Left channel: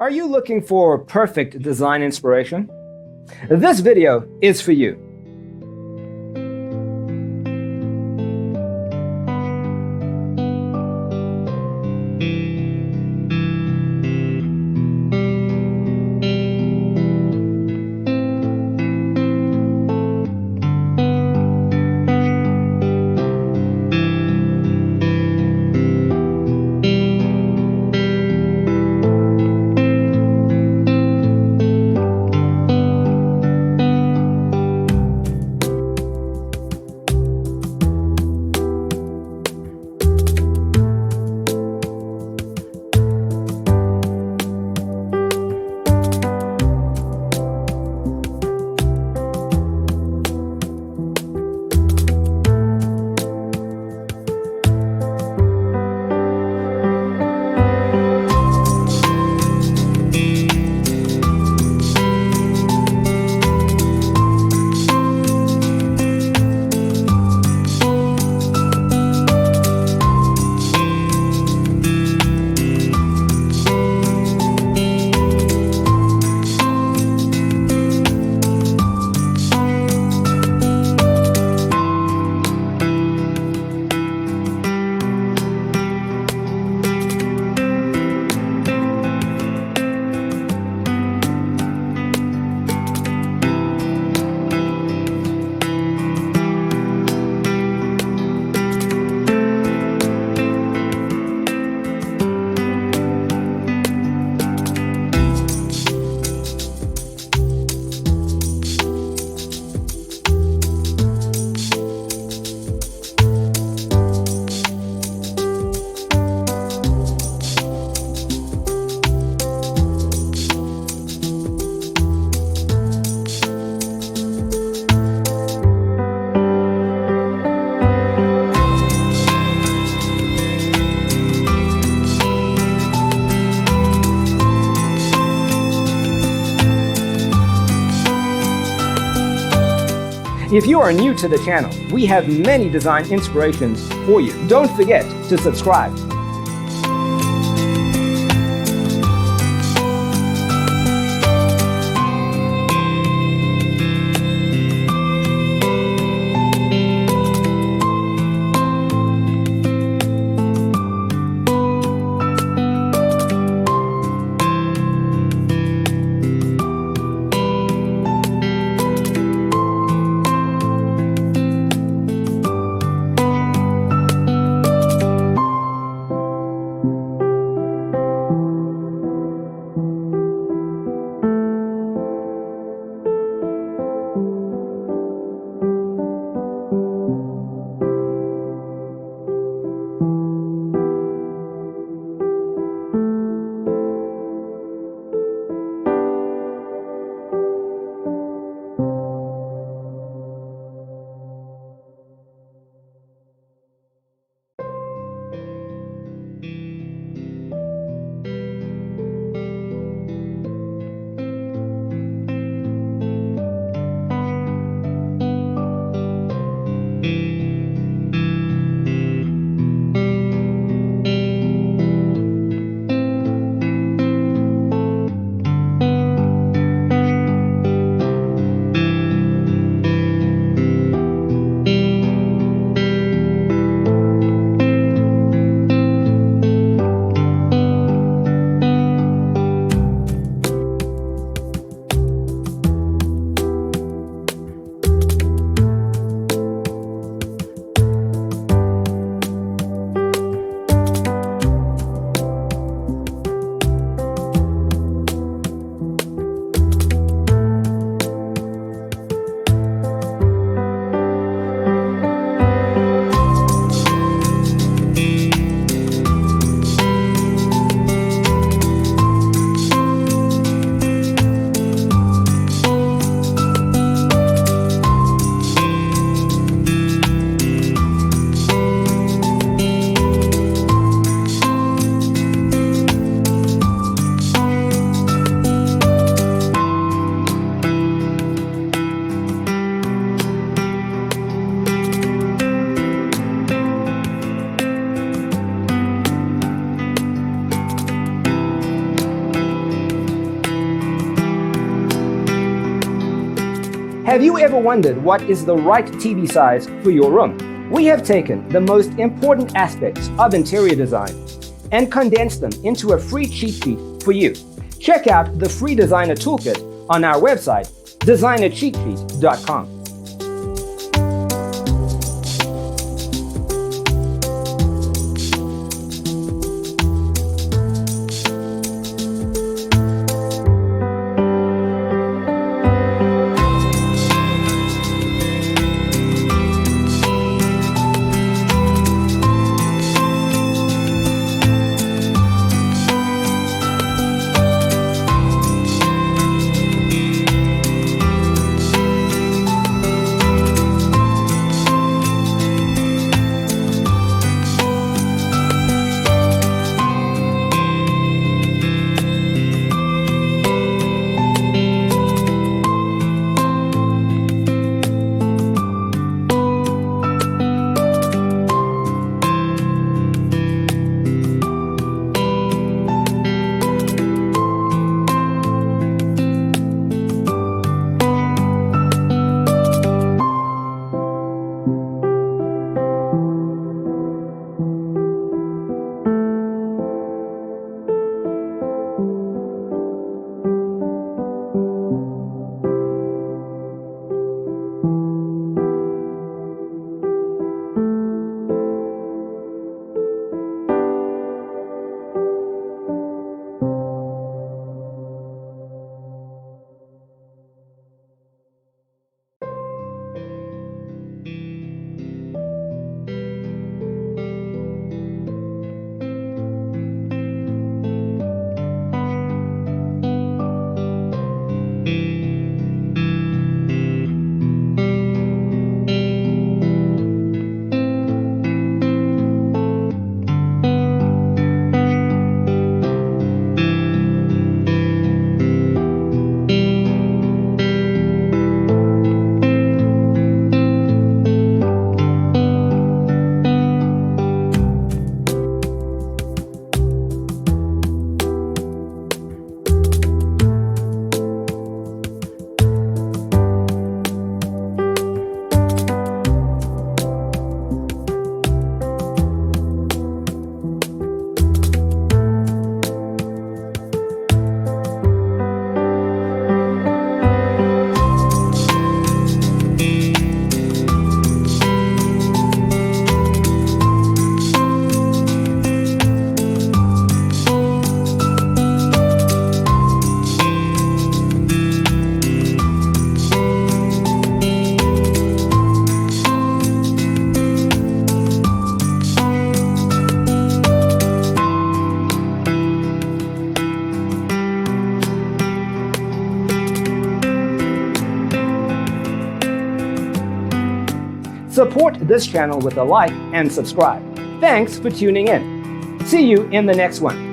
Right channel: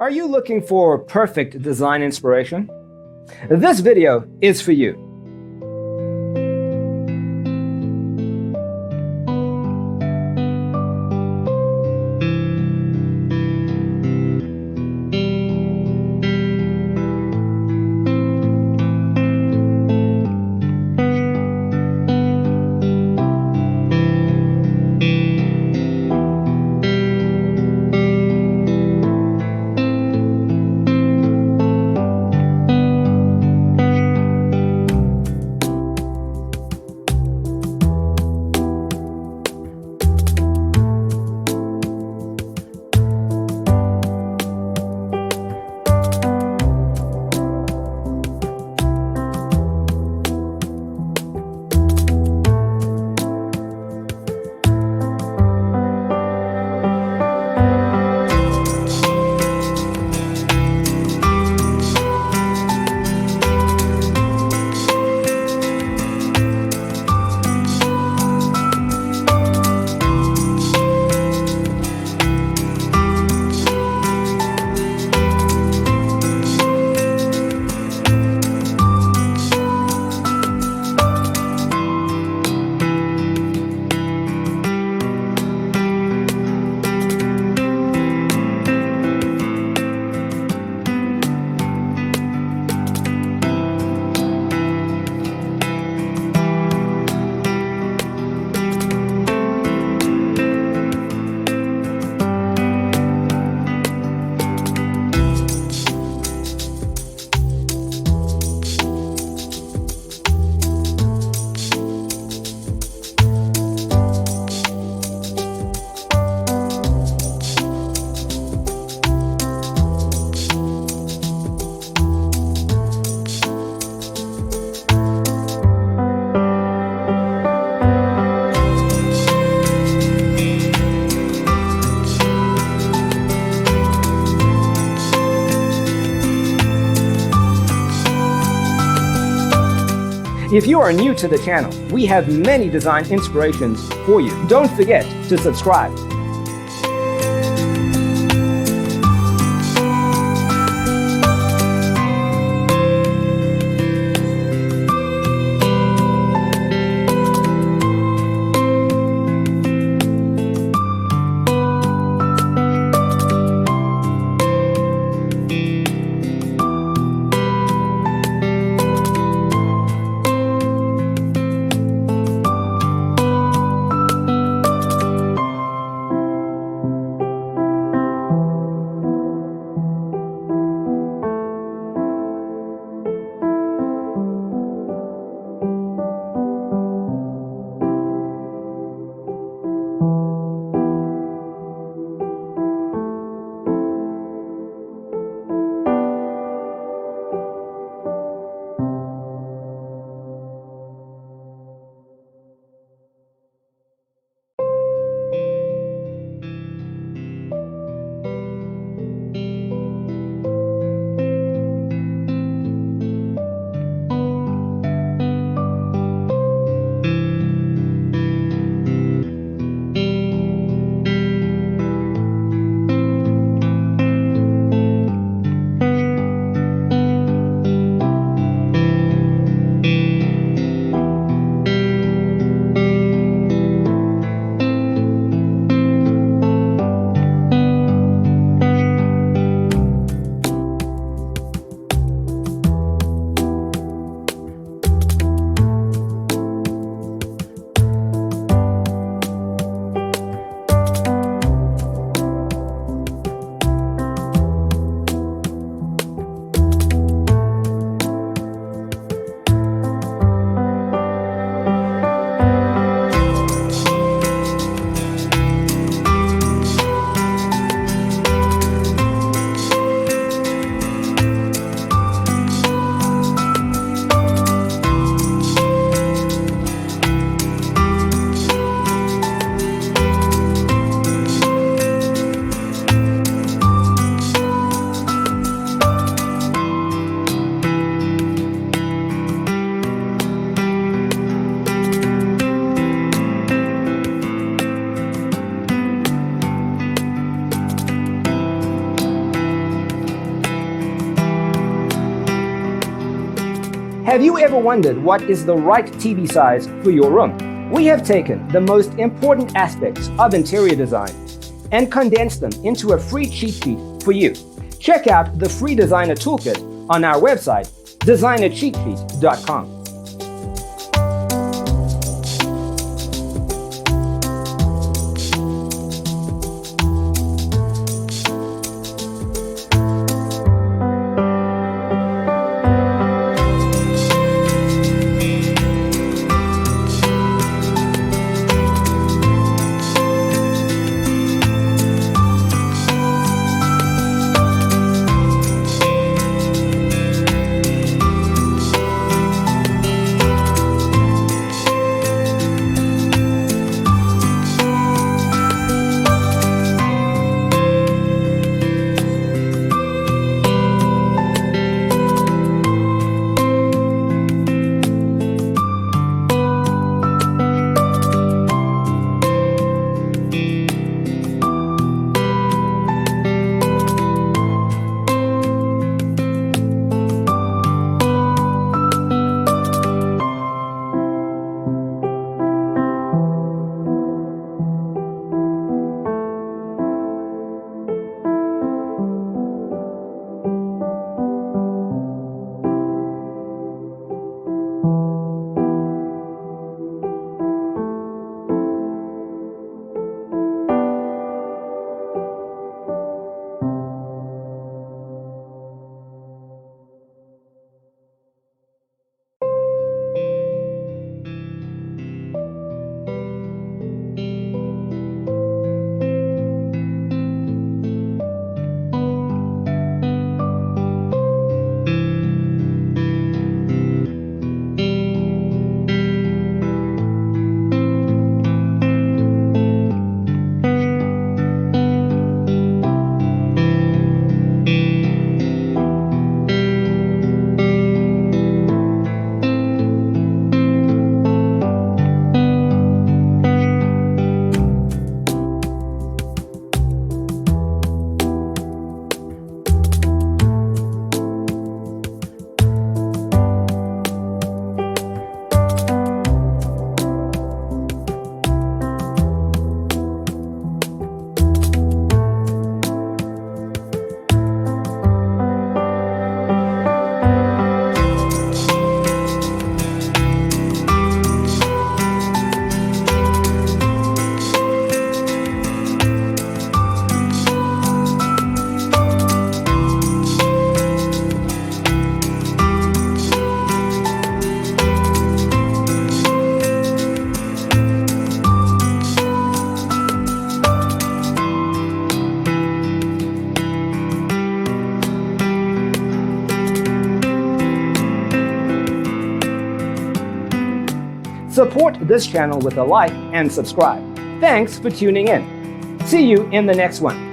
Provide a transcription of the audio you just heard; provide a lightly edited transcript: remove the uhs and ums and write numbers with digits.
Are you looking for perfect design inspiration? This video is for you. If you are new to the channel, we have many design inspirations for you. Don't forget to subscribe. Have you ever wondered what is the right TV size for your room? We have taken the most important aspects of interior design and condensed them into a free cheat sheet for you. Check out the free designer toolkit on our website, designercheatsheet.com. Support this channel with a like and subscribe. Thanks for tuning in. See you in the next one.